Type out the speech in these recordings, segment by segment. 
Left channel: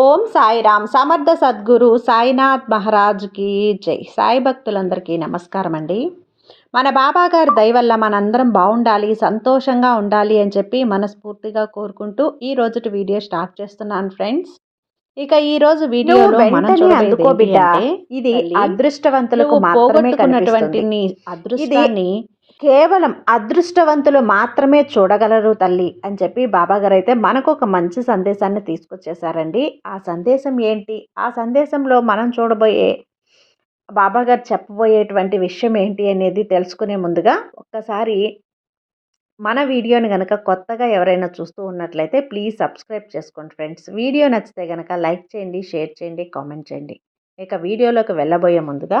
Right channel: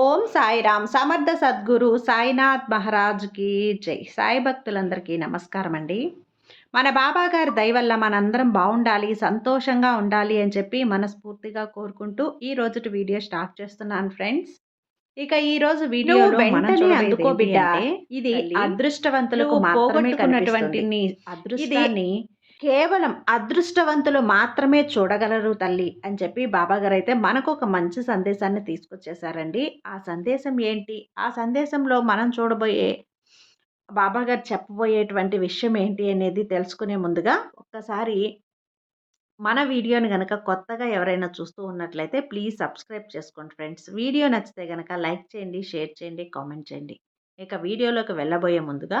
ఓం సాయిరామ్. సమర్థ సద్గురు సాయినాథ్ మహారాజ్కి జై. సాయి భక్తులందరికీ నమస్కారం అండి మన బాబా గారి దయ వల్ల మనందరం బాగుండాలి సంతోషంగా ఉండాలి అని చెప్పి మనస్ఫూర్తిగా కోరుకుంటూ ఈ రోజుటి వీడియో స్టార్ట్ చేస్తున్నాను ఫ్రెండ్స్. ఇక ఈ రోజు వీడియోలో మనం వెంటనే చూడబోయేది అందుకో ఏంటి బిడ్డ. అంటే, ఇది అదృష్టవంతులకు మాత్రమే కనిపిస్తుంది. అదృష్టాన్ని కేవలం అదృష్టవంతులు మాత్రమే చూడగలరు తల్లి అని చెప్పి బాబాగారు అయితే మనకు ఒక మంచి సందేశాన్ని తీసుకొచ్చేసారండి ఆ సందేశం ఏంటి? ఆ సందేశంలో మనం చూడబోయే బాబాగారు చెప్పబోయేటువంటి విషయం ఏంటి అనేది తెలుసుకునే ముందుగా ఒక్కసారి మన వీడియోని కనుక కొత్తగా ఎవరైనా చూస్తూ ఉన్నట్లయితే ప్లీజ్ సబ్స్క్రైబ్ చేసుకోండి ఫ్రెండ్స్. వీడియో నచ్చితే కనుక లైక్ చేయండి షేర్ చేయండి కామెంట్ చేయండి. ఇక వీడియోలోకి వెళ్ళబోయే ముందుగా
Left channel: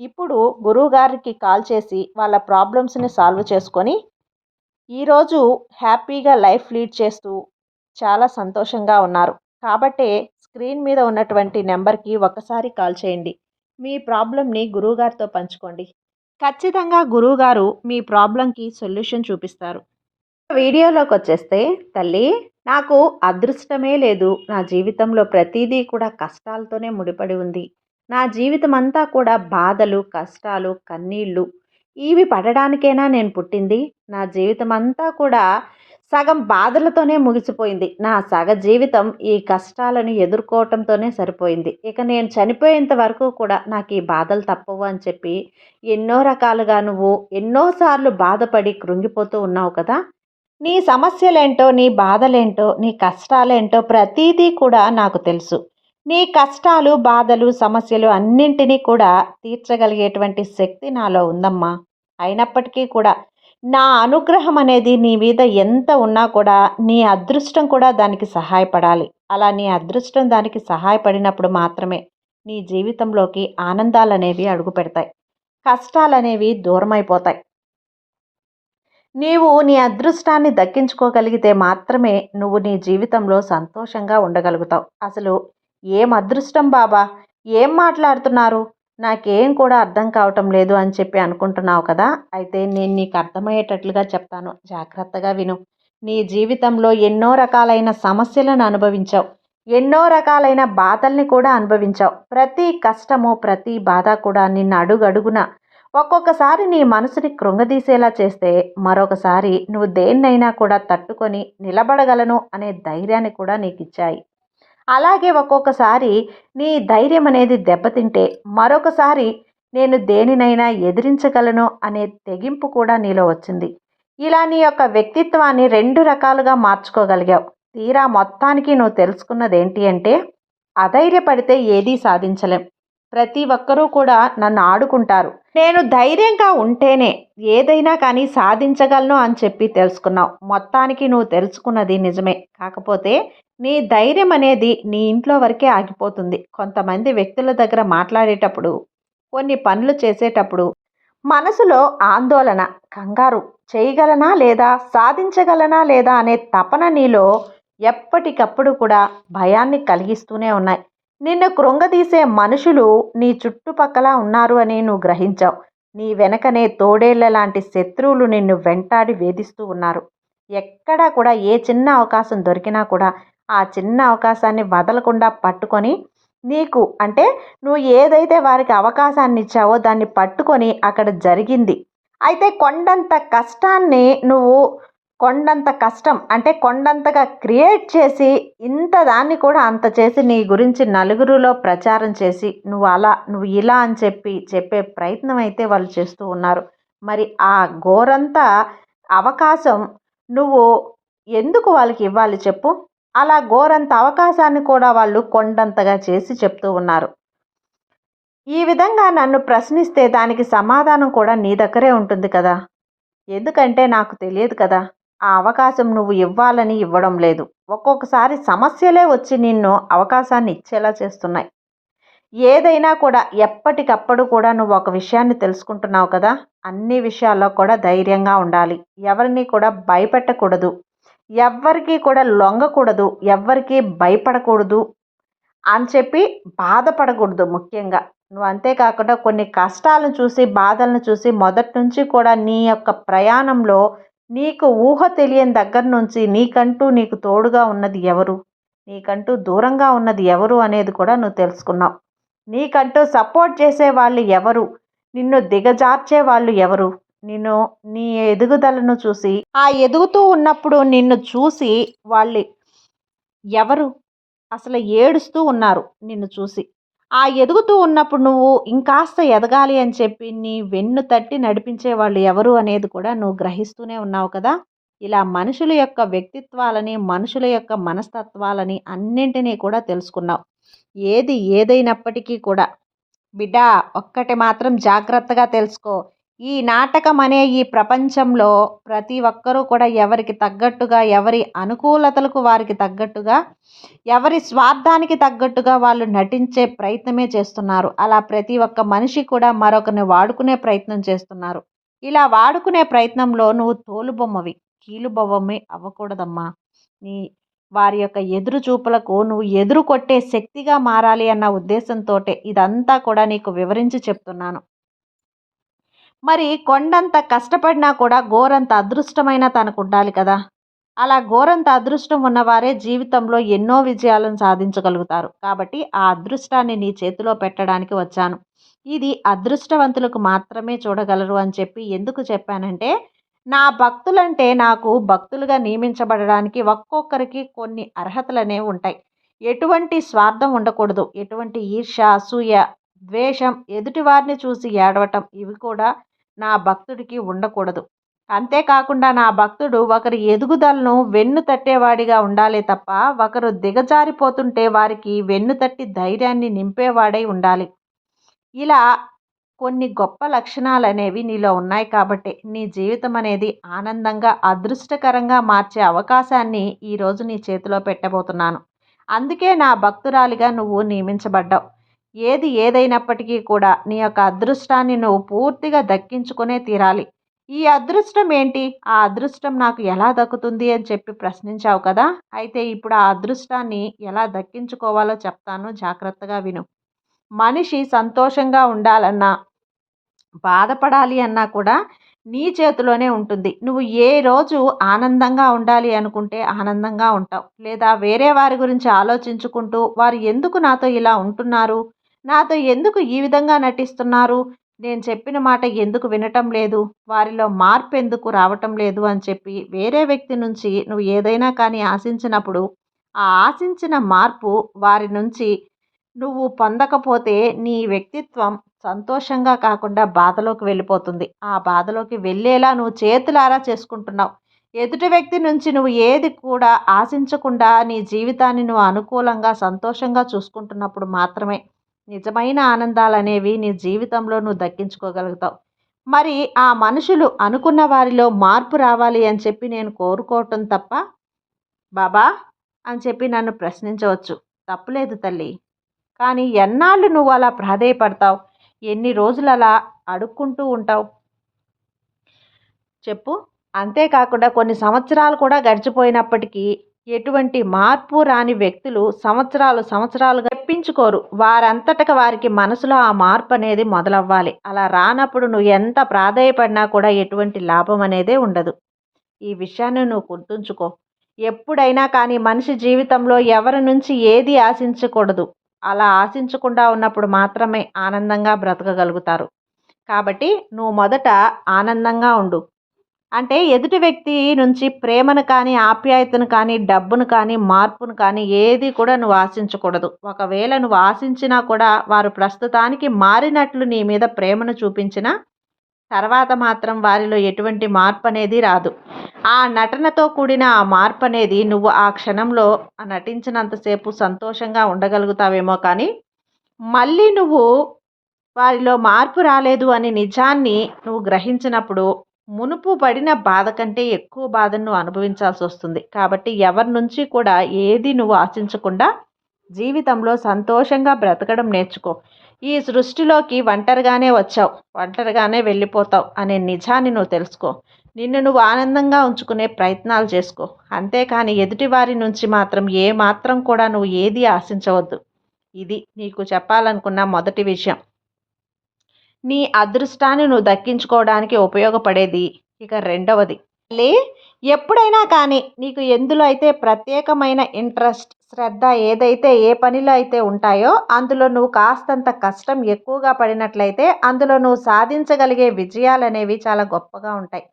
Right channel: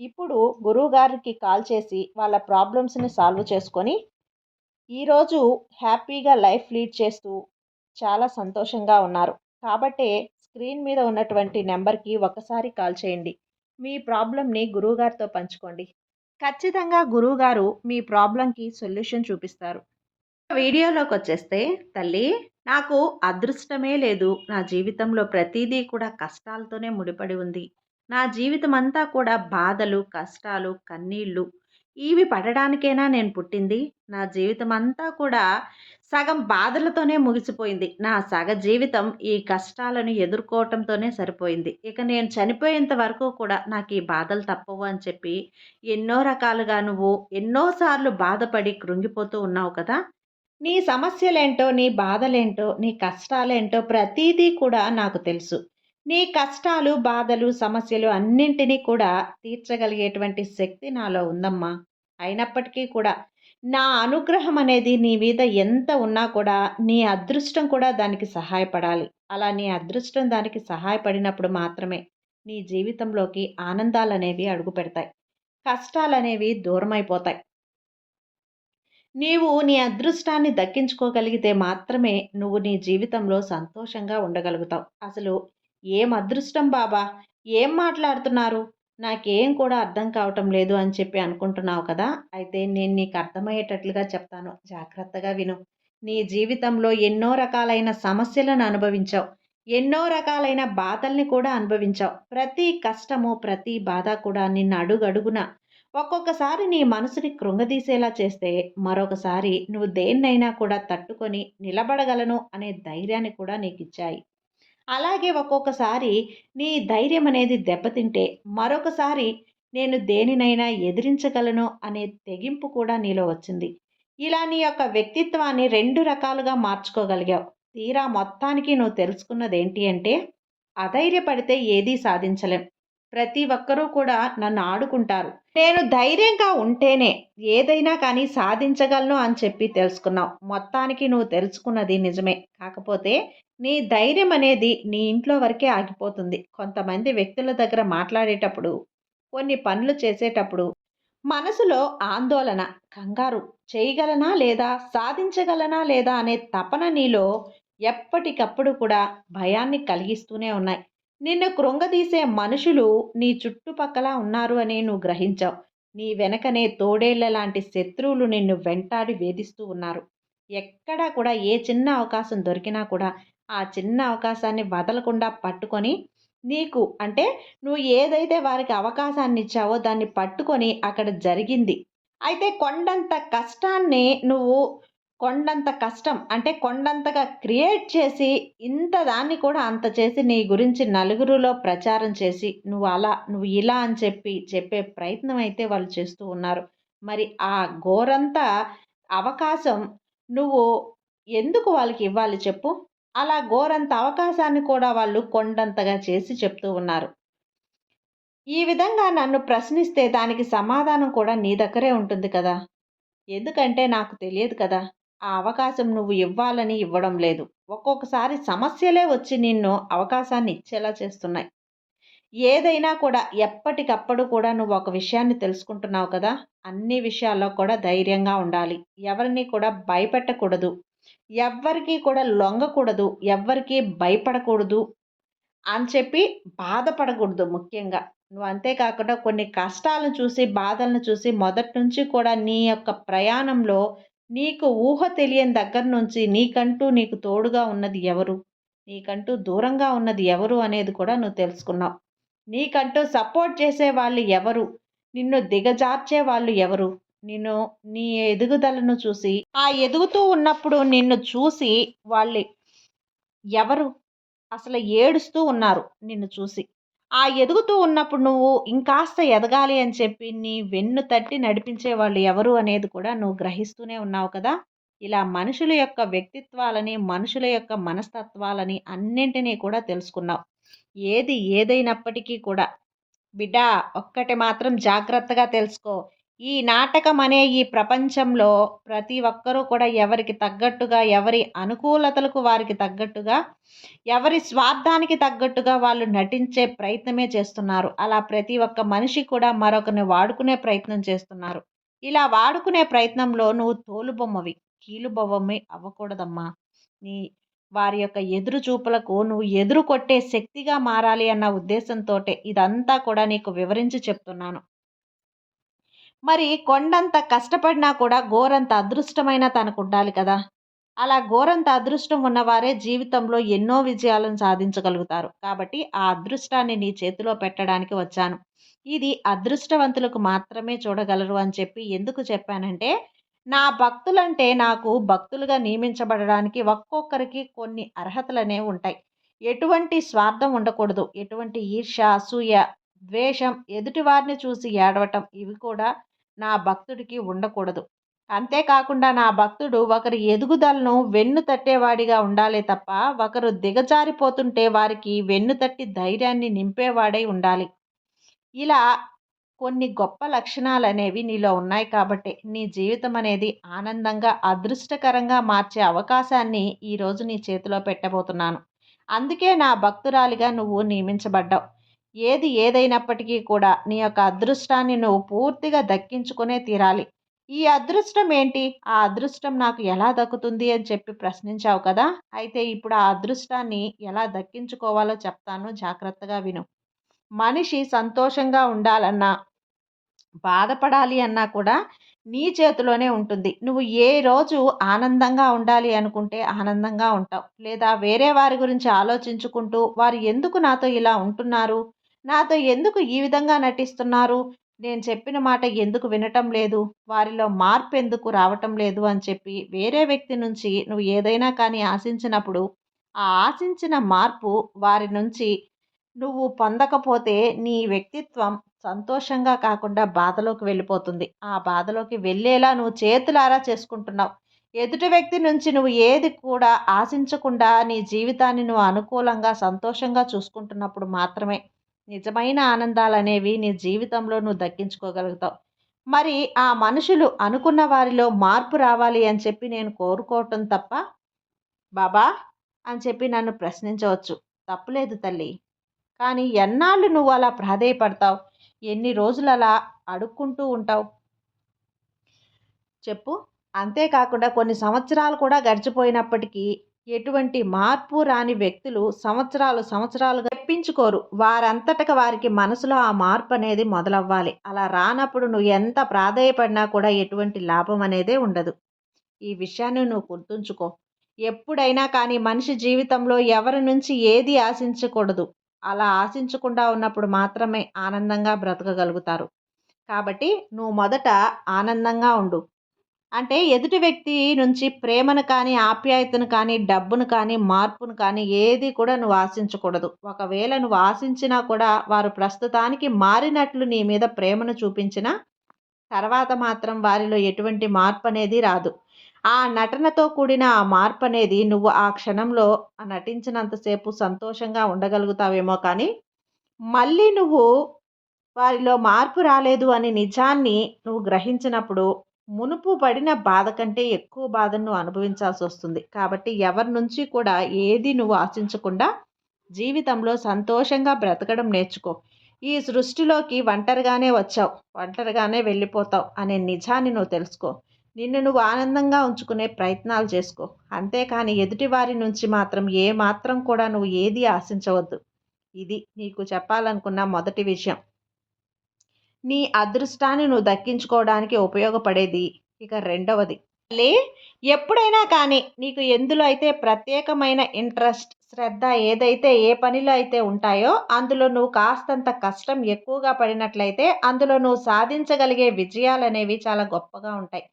ఇప్పుడు గురువుగారికి కాల్ చేసి వాళ్ళ ప్రాబ్లమ్స్ని సాల్వ్ చేసుకొని ఈరోజు హ్యాపీగా లైఫ్ లీడ్ చేస్తూ చాలా సంతోషంగా ఉన్నారు. కాబట్టే స్క్రీన్ మీద ఉన్నటువంటి నెంబర్కి ఒకసారి కాల్ చేయండి. మీ ప్రాబ్లమ్ని గురువుగారితో పంచుకోండి. ఖచ్చితంగా గురువుగారు మీ ప్రాబ్లంకి సొల్యూషన్ చూపిస్తారు. వీడియోలోకి వచ్చేస్తే తల్లి నాకు అదృష్టమే లేదు. నా జీవితంలో ప్రతిదీ కూడా కష్టాలతోనే ముడిపడి ఉంది. నా జీవితం అంతా కూడా బాధలు కష్టాలు కన్నీళ్ళు ఇవి పడడానికైనా నేను పుట్టింది? నా జీవితం అంతా కూడా సగం బాధలతోనే ముగిసిపోయింది. నా సగ జీవితం ఈ కష్టాలను ఎదుర్కోవటంతోనే సరిపోయింది. ఇక నేను చనిపోయేంత వరకు కూడా నాకు ఈ బాధలు తప్పవు అని చెప్పి ఎన్నో రకాలుగా నువ్వు ఎన్నోసార్లు బాధపడి కృంగిపోతూ ఉన్నావు కదా! నీ సమస్యలేంటో నీ బాధలేంటో నీ కష్టాలేంటో ప్రతీదీ కూడా నాకు తెలుసు. నీ కష్టాలు బాధలు సమస్యలు అన్నింటినీ కూడా తీర్చగలిగేటువంటి శక్తి నాలో ఉందమ్మా. అయినప్పటికీ కూడా నా అనుగ్రహం అనేది నీ మీద ఎంత ఉన్నా కూడా నీ అదృష్టం కూడా దానికి సహాయపడాలి. అలా నీ అదృష్టం దానికి సహాయపడినప్పుడు మాత్రమే నీ జీవితంలోకి ఆనందాలు అనేవి అడుగు పెడతాయి కష్టాలు అనేవి దూరమైపోతాయి. నీవు నీ అదృష్టాన్ని దక్కించుకోగలిగితే మాత్రమే నువ్వు నీ జీవితంలో సంతోషంగా ఉండగలుగుతావు. అసలు ఏం అదృష్టం బాబా? ఏం మాట్లాడుతున్నారు? నాకేం కూడా అర్థం కావటం లేదు అని చెప్పి అనుకుంటున్నావు కదా? అయితే నేను నీకు అర్థమయ్యేటట్లుగా చెప్తాను. జాగ్రత్తగా విను. నీ జీవితంలో ఎన్నో రకాలైన సమస్యలను అనుభవించావు. ఎన్నో రకాలైన బాధల్ని కూడా అనుభవించావు. ప్రతి కష్టము ప్రతి బాధ కూడా నిన్ను అడుగడుగున ఒక్కొక్కసారి నీ మనసుని కృంగదీసేలా చేస్తే మరొకసారి నువ్వు దేన్నైనా కూడా తట్టుకొని నిలబడగలను అనే ధైర్యాన్ని కూడా నీకు ఇచ్చాయి అలాగే ఒక్కొక్కసారి నీ ధైర్యం అనేది దెబ్బతింటే మరొకసారి నేను దేనినైనా ఎదిరించగలను అనే తెగింపు కూడా నీలో వచ్చింది. ఇలా నీ యొక్క వ్యక్తిత్వాన్ని రెండు రకాలుగా మార్చుకోగలిగావు. తీరా మొత్తానికి నువ్వు తెలుసుకున్నది ఏంటి అంటే అధైర్యపడితే ఏదీ సాధించలేం. ప్రతి ఒక్కరూ కూడా నన్ను ఆడుకుంటారు. నేను ధైర్యంగా ఉంటేనే ఏదైనా కానీ సాధించగలను అని చెప్పి తెలుసుకున్నావు. మొత్తానికి నువ్వు తెలుసుకున్నది నిజమే. కాకపోతే నీ ధైర్యం అనేది నీ ఇంట్లో వరకే ఆగిపోతుంది. కొంతమంది వ్యక్తుల దగ్గర మాట్లాడేటప్పుడు కొన్ని పనులు చేసేటప్పుడు మనసులో ఆందోళన కంగారు చేయగలనా లేదా సాధించగలనా లేదా అనే తపన నీలో ఎప్పటికప్పుడు కూడా భయాన్ని కలిగిస్తూనే ఉన్నాయి. నిన్ను కృంగదీసే మనుషులు నీ చుట్టుపక్కల ఉన్నారు అని నువ్వు గ్రహించావు. నీ వెనకనే తోడేళ్ళ లాంటి శత్రువులు నిన్ను వెంటాడి వేధిస్తూ ఉన్నారు. ఎక్కడా కూడా ఏ చిన్న అవకాశం దొరికినా కూడా ఆ చిన్న అవకాశాన్ని వదలకుండా పట్టుకొని నీకు అంటే నువ్వు ఏదైతే వారికి అవకాశాన్ని ఇచ్చావో దాన్ని పట్టుకొని అక్కడ జరిగింది. అయితే కొండంత కష్టాన్ని నువ్వు కొండంత కష్టం అంటే కొండంతగా క్రియేట్ చేసి ఇంత దాన్ని కూడా అంత చేసి నీ గురించి నలుగురిలో ప్రచారం చేసి నువ్వు అలా నువ్వు ఇలా అని చెప్పి చెప్పే ప్రయత్నం అయితే వాళ్ళు చేస్తూ ఉన్నారు. మరి ఆ ఘోరంత అవకాశం నువ్వు ఎందుకు వాళ్ళకి ఇవ్వాలి చెప్పు? అలా ఘోరంత అవకాశాన్ని కూడా వాళ్ళు కొండంతగా చేసి చెప్తూ ఉన్నారు. ఈ విధంగా నన్ను ప్రశ్నిస్తే దానికి సమాధానం కూడా నీ దగ్గరే ఉంటుంది కదా. ఎందుకంటే నాకు తెలియదు కదా ఆ అవకాశం నువ్వు ఇవ్వాలని ఇవ్వడం లేదు. ఒక్కొక్కసారి సమస్యలే వచ్చి నిన్ను అవకాశాన్ని ఇచ్చేలా చేస్తున్నాయి. ఏదైనా కూడా ఎప్పటికప్పుడు కూడా నువ్వు ఒక విషయాన్ని తెలుసుకుంటున్నావు కదా అన్ని విషయాల్లో కూడా ధైర్యంగా ఉండాలి. ఎవరిని కూడా భయపెట్టకూడదు. ఎవ్వరికీ కూడా లొంగకూడదు ఎవ్వరికీ భయపడకూడదు అని చెప్పి బాధపడకూడదు ముఖ్యంగా. నువ్వు అంతేకాకుండా కొన్ని కష్టాలను చూసి బాధలను చూసి మొదటి నుంచి కూడా నీ యొక్క ప్రయాణంలో నీకు ఊహ తెలియని దగ్గర నుంచి నీకంటూ నీకు తోడుగా ఉన్నది ఎవరు? నీకంటూ దూరంగా ఉన్నది ఎవరు అనేది కూడా నువ్వు తెలుసుకున్నావు. నీకంటూ సపోర్ట్ చేసే వాళ్ళు ఎవరు? నిన్ను దిగజార్చే వాళ్ళు ఎవరు? నేను నీ ఎదుగుదలను చూసి ఆ ఎదుగుతూ ఉన్నప్పుడు నిన్ను చూసి వాళ్ళు ఎవరు? అసలు ఏడుస్తూ ఉన్నారు నిన్ను చూసి. ఆ ఎదుగుతూ ఉన్నప్పుడు నువ్వు ఇంకాస్త ఎదగాలి అని చెప్పి నీ వెన్ను తట్టి నడిపించే వాళ్ళు ఎవరు అనేది కూడా నువ్వు గ్రహిస్తూనే ఉన్నావు కదా? ఇలా మనుషుల యొక్క వ్యక్తిత్వాలని మనుషుల యొక్క మనస్తత్వాలని అన్నింటినీ కూడా తెలుసుకున్నావు. ఏది ఏదైనప్పటికీ కూడా. బిడ్డ ఒక్కటి మాత్రం జాగ్రత్తగా తెలుసుకో. ఈ నాటకం అనే ఈ ప్రపంచంలో ప్రతి ఒక్కరూ కూడా ఎవరికి తగ్గట్టుగా ఎవరి అనుకూలతలకు వారికి తగ్గట్టుగా ఎవరి స్వార్థానికి తగ్గట్టుగా వాళ్ళు నటించే ప్రయత్నమే చేస్తున్నారు. అలా ప్రతి ఒక్క మనిషి కూడా మరొకరిని వాడుకునే ప్రయత్నం చేస్తున్నారు. ఇలా వాడుకునే ప్రయత్నంలో నువ్వు తోలుబొమ్మవి. కీలుబొమ్మవి అవ్వకూడదమ్మా. నీ వారి యొక్క ఎదురు చూపులకు నువ్వు ఎదురు కొట్టే శక్తిగా మారాలి అన్న ఉద్దేశంతో ఇదంతా కూడా నీకు వివరించి చెప్తున్నాను. మరి కొండంత కష్టపడినా కూడా గోరంత అదృష్టమైన తనకు ఉండాలి కదా. అలా ఘోరంత అదృష్టం ఉన్నవారే జీవితంలో ఎన్నో విజయాలను సాధించగలుగుతారు. కాబట్టి ఆ అదృష్టాన్ని నీ చేతిలో పెట్టడానికి వచ్చాను. ఇది అదృష్టవంతులకు మాత్రమే చూడగలరు అని చెప్పి ఎందుకు చెప్పానంటే నా భక్తులంటే నాకు భక్తులుగా నియమించబడడానికి ఒక్కొక్కరికి కొన్ని అర్హతలనే ఉంటాయి. ఎటువంటి స్వార్థం ఉండకూడదు. ఎటువంటి ఈర్ష అసూయ ద్వేషం ఎదుటివారిని చూసి ఏడవటం ఇవి కూడా నా భక్తుడికి ఉండకూడదు. అంతేకాకుండా నా భక్తుడు ఒకరి ఎదుగుదలను వెన్ను తట్టేవాడిగా ఉండాలి తప్ప ఒకరు దిగజారిపోతుంటే వారికి వెన్ను తట్టి ధైర్యాన్ని నింపేవాడై ఉండాలి. ఇలా కొన్ని గొప్ప లక్షణాలు అనేవి నీలో ఉన్నాయి కాబట్టి నీ జీవితం అనేది ఆనందంగా అదృష్టకరంగా మార్చే అవకాశాన్ని ఈరోజు నీ చేతిలో పెట్టబోతున్నాను. అందుకే నా భక్తురాలిగా నువ్వు నియమించబడ్డావు. ఏది ఏదైనప్పటికీ కూడా నీ యొక్క అదృష్టాన్ని నువ్వు పూర్తిగా దక్కించుకునే తీరాలి. ఈ అదృష్టం ఏంటి? ఆ అదృష్టం నాకు ఎలా దక్కుతుంది అని చెప్పి ప్రశ్నించావు కదా? అయితే ఇప్పుడు ఆ అదృష్టాన్ని ఎలా దక్కించుకోవాలో చెప్తాను. జాగ్రత్తగా విను. మనిషి సంతోషంగా ఉండాలన్నా బాధపడాలి అన్నా కూడా నీ చేతిలోనే ఉంటుంది. నువ్వు ఏ రోజు ఆనందంగా ఉండాలి అనుకుంటే ఆనందంగా ఉంటావు. లేదా వేరే వారి గురించి ఆలోచించుకుంటూ వారు ఎందుకు నాతో ఇలా ఉంటున్నారు? నాతో ఎందుకు ఈ విధంగా నటిస్తున్నారు? నేను చెప్పిన మాట ఎందుకు వినటం లేదు? వారిలో మార్పు ఎందుకు రావటం లేదు అని చెప్పి వేరే వ్యక్తి నుంచి నువ్వు ఏదైనా కానీ ఆశించినప్పుడు ఆ ఆశించిన మార్పు వారి నుంచి నువ్వు పొందకపోతే నీ వ్యక్తిత్వం సంతోషంగా కాకుండా బాధలోకి వెళ్ళిపోతుంది. ఆ బాధలోకి వెళ్ళేలా నువ్వు చేతులారా చేసుకుంటున్నావు. ఎదుటి వ్యక్తి నుంచి నువ్వు ఏది కూడా ఆశించకుండా నీ జీవితాన్ని నువ్వు అనుకూలంగా సంతోషంగా చూసుకుంటున్నప్పుడు మాత్రమే నిజమైన ఆనందాలు అనేవి నీ జీవితంలో నువ్వు దక్కించుకోగలుగుతావు. మరి ఆ మనుషులు అనుకున్న వారిలో మార్పు రావాలి అని చెప్పి నేను కోరుకోవటం తప్ప బాబా అని చెప్పి నన్ను ప్రశ్నించవచ్చు. తప్పులేదు తల్లి. కానీ ఎన్నాళ్ళు నువ్వు అలా ప్రాధేయపడతావు? ఎన్ని రోజులు అలా అడుక్కుంటూ ఉంటావు? చెప్పు. అంతేకాకుండా కొన్ని సంవత్సరాలు కూడా గడిచిపోయినప్పటికీ ఎటువంటి మార్పు రాని వ్యక్తులు సంవత్సరాలు సంవత్సరాలుగా తెప్పించుకోరు వారంతటక వారికి మనసులో ఆ మార్పు అనేది మొదలవ్వాలి. అలా రానప్పుడు నువ్వు ఎంత ప్రాధాయపడినా కూడా ఎటువంటి లాభం అనేదే ఉండదు. ఈ విషయాన్ని నువ్వు గుర్తుంచుకో. ఎప్పుడైనా కానీ మనిషి జీవితంలో ఎవరి నుంచి ఏది ఆశించకూడదు. అలా ఆశించకుండా ఉన్నప్పుడు మాత్రమే ఆనందంగా బ్రతకగలుగుతారు. కాబట్టి నువ్వు మొదట ఆనందంగా ఉండు. అంటే ఎదుటి వ్యక్తి నుంచి ప్రేమను కానీ ఆప్యాయతను కానీ డబ్బును కానీ మార్పును కానీ ఏది కూడా నువ్వు ఆశించకూడదు. ఒకవేళ నువ్వు ఆశించినా కూడా వారు ప్రస్తుతానికి మారినట్లు నీ మీద ప్రేమను చూపించిన తర్వాత మాత్రం వారిలో ఎటువంటి మార్పు అనేది రాదు. ఆ నటనతో కూడిన ఆ మార్పు అనేది నువ్వు ఆ క్షణంలో నటించినంతసేపు సంతోషంగా ఉండగలుగుతావేమో కానీ మళ్ళీ నువ్వు వారిలో మార్పు రాలేదు అని నిజాన్ని నువ్వు గ్రహించినప్పుడు మునుపు పడిన బాధ కంటే ఎక్కువ బాధను అనుభవించాల్సి వస్తుంది. కాబట్టి ఎవరి నుంచి కూడా ఏది నువ్వు ఆశించకుండా జీవితంలో సంతోషంగా బ్రతకడం నేర్చుకో. ఈ సృష్టిలోకి ఒంటరిగానే వచ్చావు ఒంటరిగానే వెళ్ళిపోతావు అనే నిజాన్ని నువ్వు తెలుసుకో. నిన్ను నువ్వు ఆనందంగా ఉంచుకునే ప్రయత్నాలు చేసుకో. అంతేకాని ఎదుటివారి నుంచి మాత్రం ఏ మాత్రం కూడా నువ్వు ఏది ఆశించవద్దు. ఇది నీకు చెప్పాలనుకున్న మొదటి విషయం. నీ అదృష్టాన్ని నువ్వు దక్కించుకోవడానికి ఉపయోగపడేది. ఇక రెండవది. లే ఎప్పుడైనా కానీ నీకు ఎందులో అయితే ప్రత్యేకమైన ఇంట్రెస్ట్ శ్రద్ధ ఏదైతే ఏ పనిలో అయితే ఉంటాయో అందులో నువ్వు కాస్తంత కష్టం ఎక్కువగా పడినట్లయితే అందులో నువ్వు సాధించగలిగే విజయాలు అనేవి చాలా గొప్పగా ఉంటాయి.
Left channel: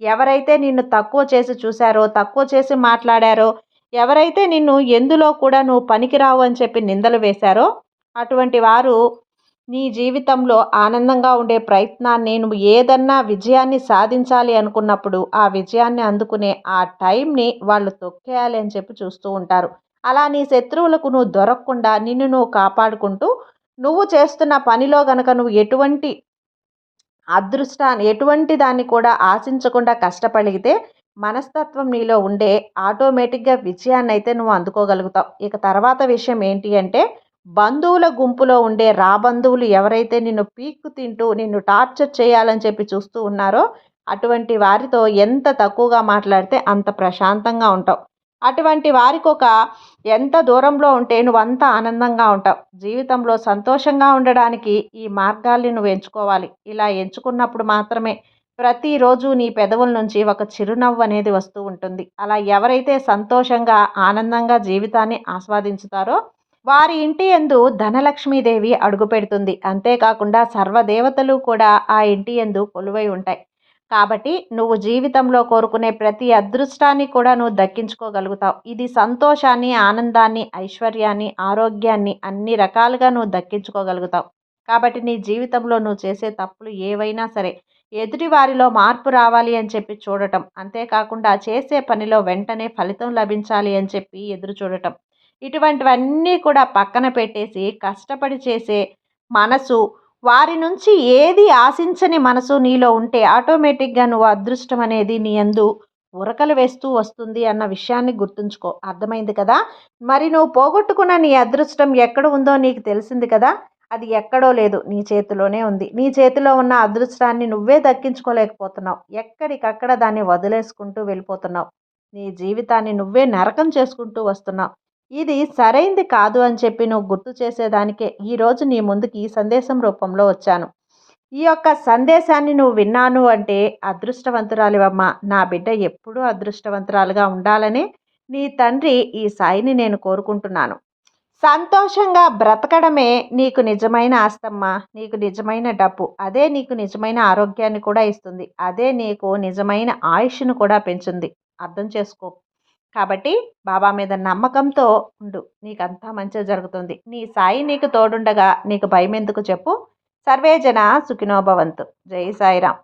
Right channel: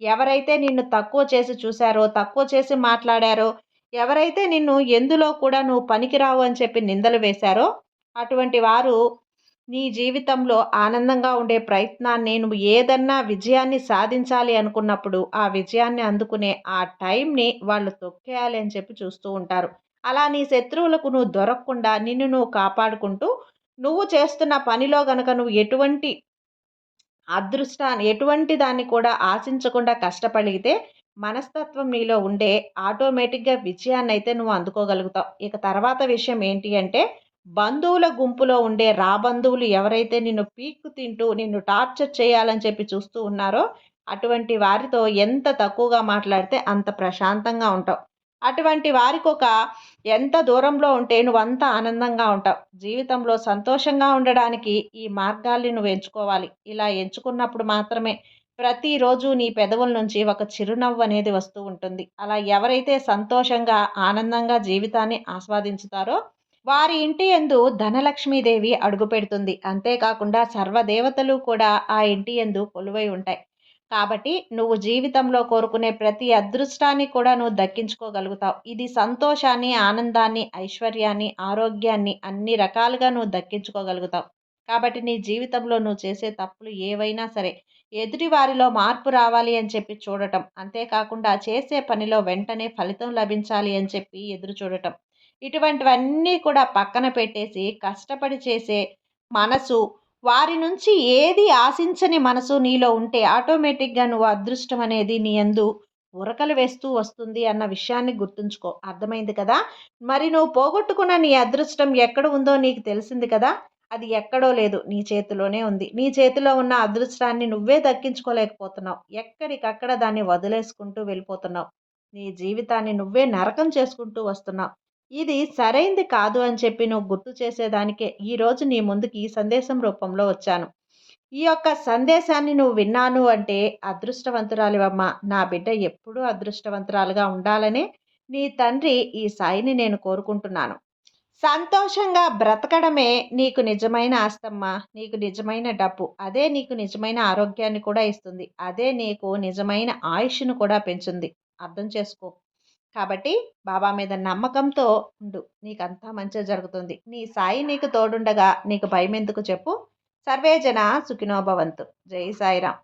ఎవరైతే నిన్ను తక్కువ చేసి చూశారో తక్కువ చేసి మాట్లాడారో ఎవరైతే నిన్ను ఎందులో కూడా నువ్వు పనికిరావు అని చెప్పి నిందలు వేశారో అటువంటి వారు నీ జీవితంలో ఆనందంగా ఉండే ప్రయత్నాన్ని నువ్వు ఏదన్నా విజయాన్ని సాధించాలి అనుకున్నప్పుడు ఆ విజయాన్ని అందుకునే ఆ టైంని వాళ్ళు తొక్కేయాలి అని చెప్పి చూస్తూ ఉంటారు. అలా నీ శత్రువులకు నువ్వు దొరకకుండా నిన్ను నువ్వు కాపాడుకుంటూ నువ్వు చేస్తున్న పనిలో కనుక నువ్వు ఎటువంటి అదృష్టాన్ని ఎటువంటి దాన్ని కూడా ఆశించకుండా కష్టపడితే మనస్తత్వం నీలో ఉండే ఆటోమేటిక్గా విజయాన్ని అయితే నువ్వు అందుకోగలుగుతావు. ఇక తర్వాత విషయం ఏంటి అంటే బంధువుల గుంపులో ఉండే రాబంధువులు ఎవరైతే నిన్ను పీక్కు తింటూ నిన్ను టార్చర్ చేయాలని చెప్పి చూస్తూ ఉన్నారో అటువంటి వారితో ఎంత తక్కువగా మాట్లాడితే అంత ప్రశాంతంగా ఉంటావు. అటువంటి వారికి ఒక ఎంత దూరంలో ఉంటే నువ్వు అంత ఆనందంగా ఉంటావు. జీవితంలో సంతోషంగా ఉండడానికి ఈ మార్గాల్ని నువ్వు ఎంచుకోవాలి. ఇలా ఎంచుకున్నప్పుడు మాత్రమే ప్రతిరోజు నీ పెదవుల నుంచి ఒక చిరునవ్వు అనేది వస్తూ ఉంటుంది. అలా ఎవరైతే సంతోషంగా ఆనందంగా జీవితాన్ని ఆస్వాదించుతారో వారి ఇంటి యందు ధనలక్ష్మీదేవి అడుగుపెడుతుంది అంతేకాకుండా సర్వదేవతలు కూడా ఆ ఇంటి యందు కొలువై ఉంటాయి. కాబట్టి నువ్వు జీవితంలో కోరుకునే ప్రతి అదృష్టాన్ని కూడా నువ్వు దక్కించుకోగలుగుతావు. ఇది సంతోషాన్ని ఆనందాన్ని ఐశ్వర్యాన్ని ఆరోగ్యాన్ని అన్ని రకాలుగా నువ్వు దక్కించుకోగలుగుతావు. కాబట్టి నీ జీవితంలో నువ్వు చేసే తప్పులు ఏవైనా సరే ఎదుటివారిలో మార్పు రావాలి అని చెప్పి చూడటం. అంతేకాకుండా చేసే పనిలో వెంటనే ఫలితం లభించాలి అని చెప్పి ఎదురు చూడటం. ఇటువంటివన్నీ కూడా పక్కన పెట్టేసి కష్టపడి చేసే మనసు వారి నుంచి ఏది ఆశించని మనసు నీలో ఉంటే ఆటోమేటిక్గా నువ్వు అదృష్టం అనేది నీ అందు ఉరకలు వేస్తూ వస్తుంది అన్న విషయాన్ని గుర్తుంచుకో. అర్థమైంది కదా? మరి నువ్వు పోగొట్టుకున్న నీ అదృష్టం ఎక్కడ ఉందో నీకు తెలిసింది కదా? అది ఎక్కడో లేదు నీ చేతిలోనే ఉంది. నీ చేతిలో ఉన్న అదృష్టాన్ని నువ్వే దక్కించుకోలేకపోతున్నావు. ఎక్కడికక్కడ దాన్ని వదిలేసుకుంటూ వెళ్ళిపోతున్నావు. నీ జీవితాన్ని నువ్వే నరకం చేసుకుంటూ వస్తున్నావు. ఇది సరైంది కాదు అని చెప్పి నువ్వు గుర్తు చేసేదానికే ఈరోజు నీ ముందుకి ఈ సందేశం రూపంలో వచ్చాను. ఈ యొక్క సందేశాన్ని నువ్వు విన్నాను అంటే అదృష్టవంతురాలివమ్మ. నా బిడ్డ ఎప్పుడూ అదృష్టవంతురాలుగా ఉండాలని నీ తండ్రి ఈ సాయిని నేను కోరుకుంటున్నాను. సంతోషంగా బ్రతకడమే నీకు నిజమైన ఆస్తమ్మ. నీకు నిజమైన డబ్బు. అదే నీకు నిజమైన ఆరోగ్యాన్ని కూడా ఇస్తుంది. అదే నీకు నిజమైన ఆయుష్ను కూడా పెంచుంది. అర్థం చేసుకో. కాబట్టి బాబా మీద నమ్మకంతో ఉండు. నీకంతా మంచిగా జరుగుతుంది. నీ సాయి నీకు తోడుండగా నీకు భయం ఎందుకు చెప్పు సర్వేజన సుఖినోభవంతు జై సాయిరామ్.